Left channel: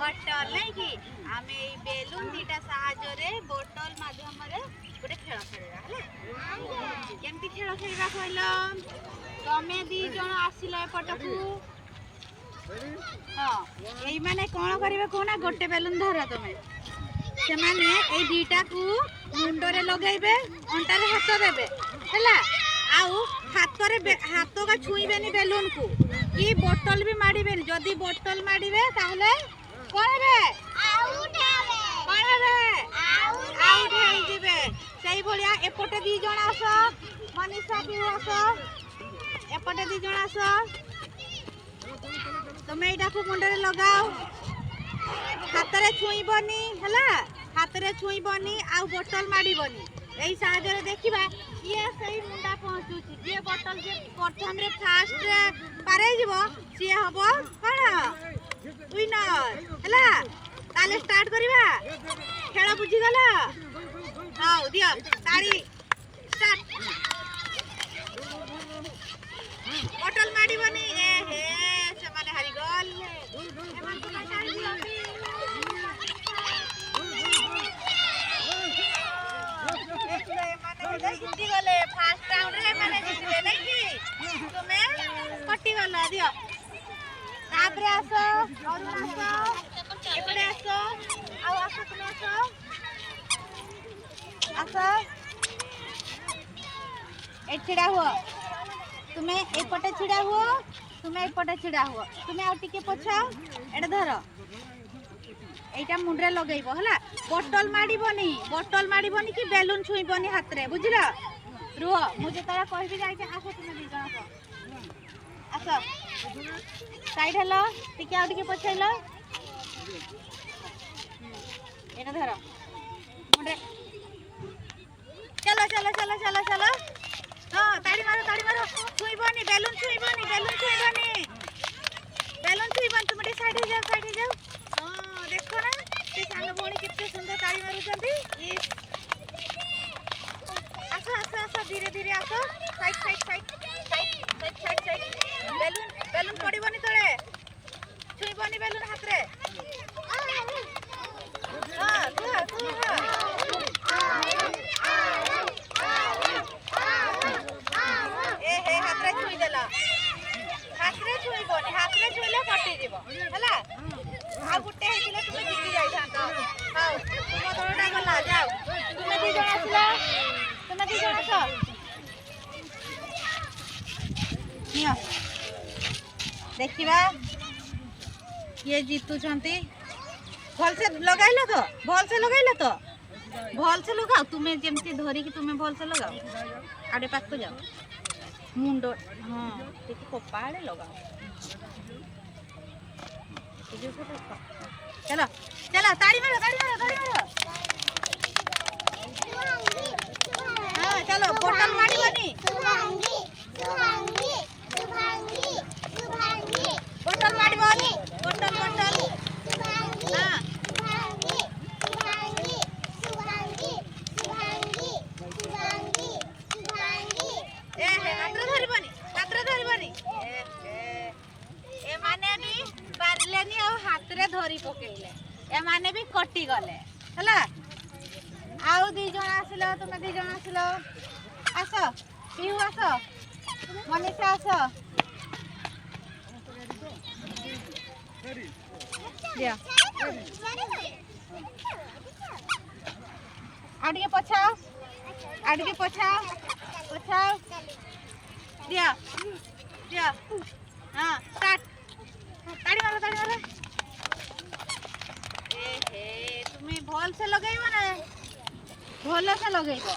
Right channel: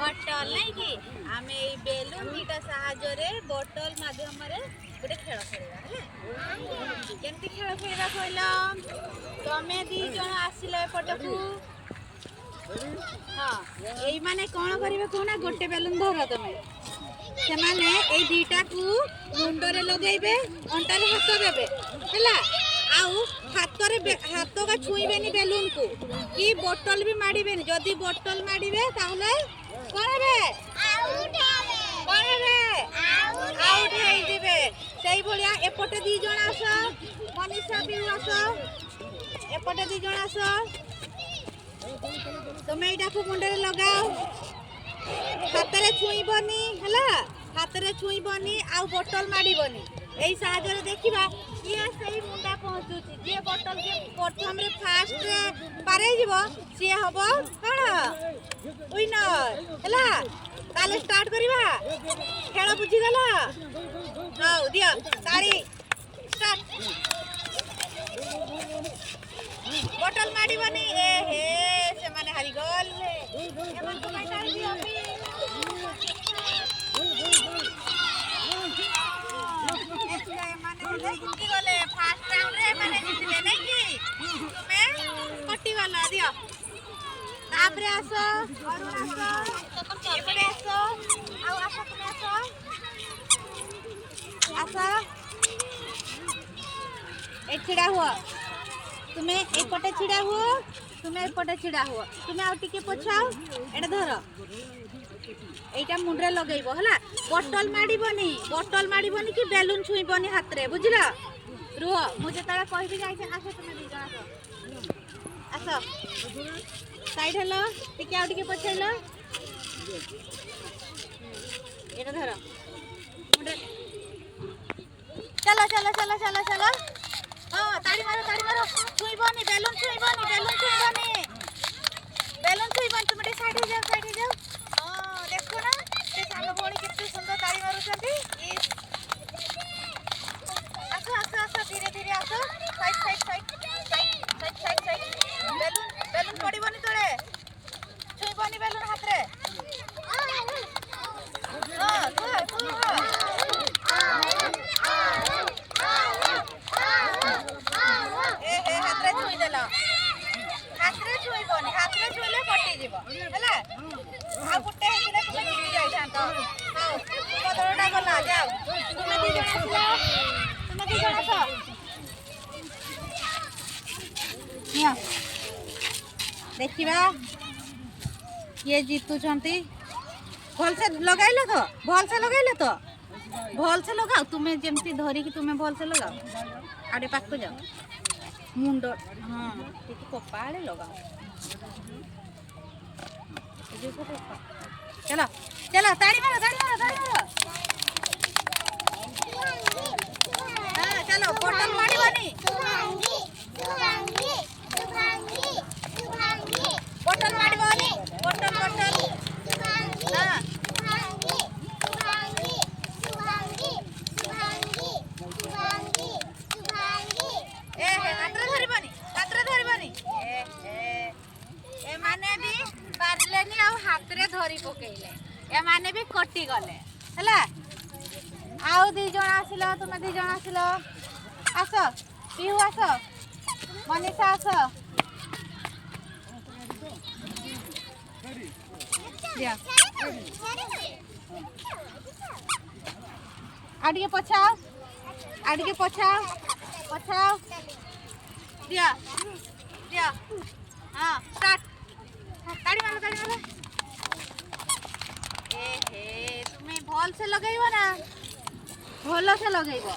बटल नहीं कि आम ये बेलून दीटा साहाय्य बटल माध्यम गोटे खेल खेलवा केमती खेल खेलवा कहल तमें दी जन आसिल एपटू हाँ यही माने कौन करिवे कहना गोटे बेलून धर तमें से माने ए दीटा को मुंडरे लगेबे अंटारे हाथ देबे हैला आउ हाथ का छुईबेनी बेलून को कि बोतल भी माड़ीबेनी जदि बोतल माड़ीबे ताहले कहबे आउट हेई दिबे सेही भलिया एपटे दी जण आस मनीषा भी आस एपटे दी जण आस तमे एटा को मुंडरे लगाओ हातरे छुईबनी हैला हातरे छुईबनी आ बोतल माड़ीबनी एई साहाय्य देखिबा ये सही मुंडा पहुंचुची जे बोतल जे प्रथम रे फास्ट पारे जीवो से हबो कोन विनर हैला ताले स्टार्ट करिबा खेल बुझी गला हाउ दियो तारी स्टार्ट बोतल माड़ीबनी ए हे से माने हारी गल एमन तो तारी दियो जीती गले फास्ट राउंड रे माने जीतले नहीं कि तुमे कटी गला दियो तापरे आसो और आसो एपटे आसो आउ आसो तुमे आसो ए छिड़ा हुआ तुमे एपटे छिड़ा हुआ तुमे एपटे छिड़ा हुआ तुमे आउ टिके पछाओ एटा धर एटा मुंडरे लगेइबो हला बोतल माड़ीबनी कि बेलून छुईबनी हाथ रे बुझिला रुह मु जतरा कहबी जाई छे आसो तुमे दी आसो साइड हेलो टिके आउ टिके पछैलो एटा धर मुंडरे चलो चलो चलो चलो चलो हां ताड़ी मारो छुईबनी बेलून छुईबनी तुमे साइड हो जाओ देखो ना से सानो भोणी कितनी सुंदर ताड़ी मारुचंती आसो धीरे धीरे आसो साइड बेलून पड़ीबनी तळे छुईबनी बेलून हाथ रे हां ए हे हाथ रे छुई देला हाथ रे छुईले कटी जीवो हैला आ गुटे हेतिले तुमे जीती जाई थांतो हाउ तुम दरटा गला जाओ तुमे दी जण आसो निया देखिबा ये जीतुचंती भल से लगाइलो तो भल से लगाओ तुमे जेमती धरी कि तुमे भल से लगाओ आडे पाक जाओ मुंडो हां टिके कपाळे लगाओ चलो चलो ताड़ी मारो हाँ चलो बोतल माड़ीबनी बोतल माड़ीबनी बोतल हाँ ए हे हाथ धरिबनी ए माने भी पारलेनी आ हाथ रे धरी पकेइले ए माने भी कटी गले हैला आउ दी जण आसिलो तुमे दी जण आसिलो आसो पिहु आसो मनीषा आसो दिया आडिके पछाओ दिया हां स्टार्ट ताड़ी मारो ए हे तुमे भल से लगेइबो ना भल से लगेइबो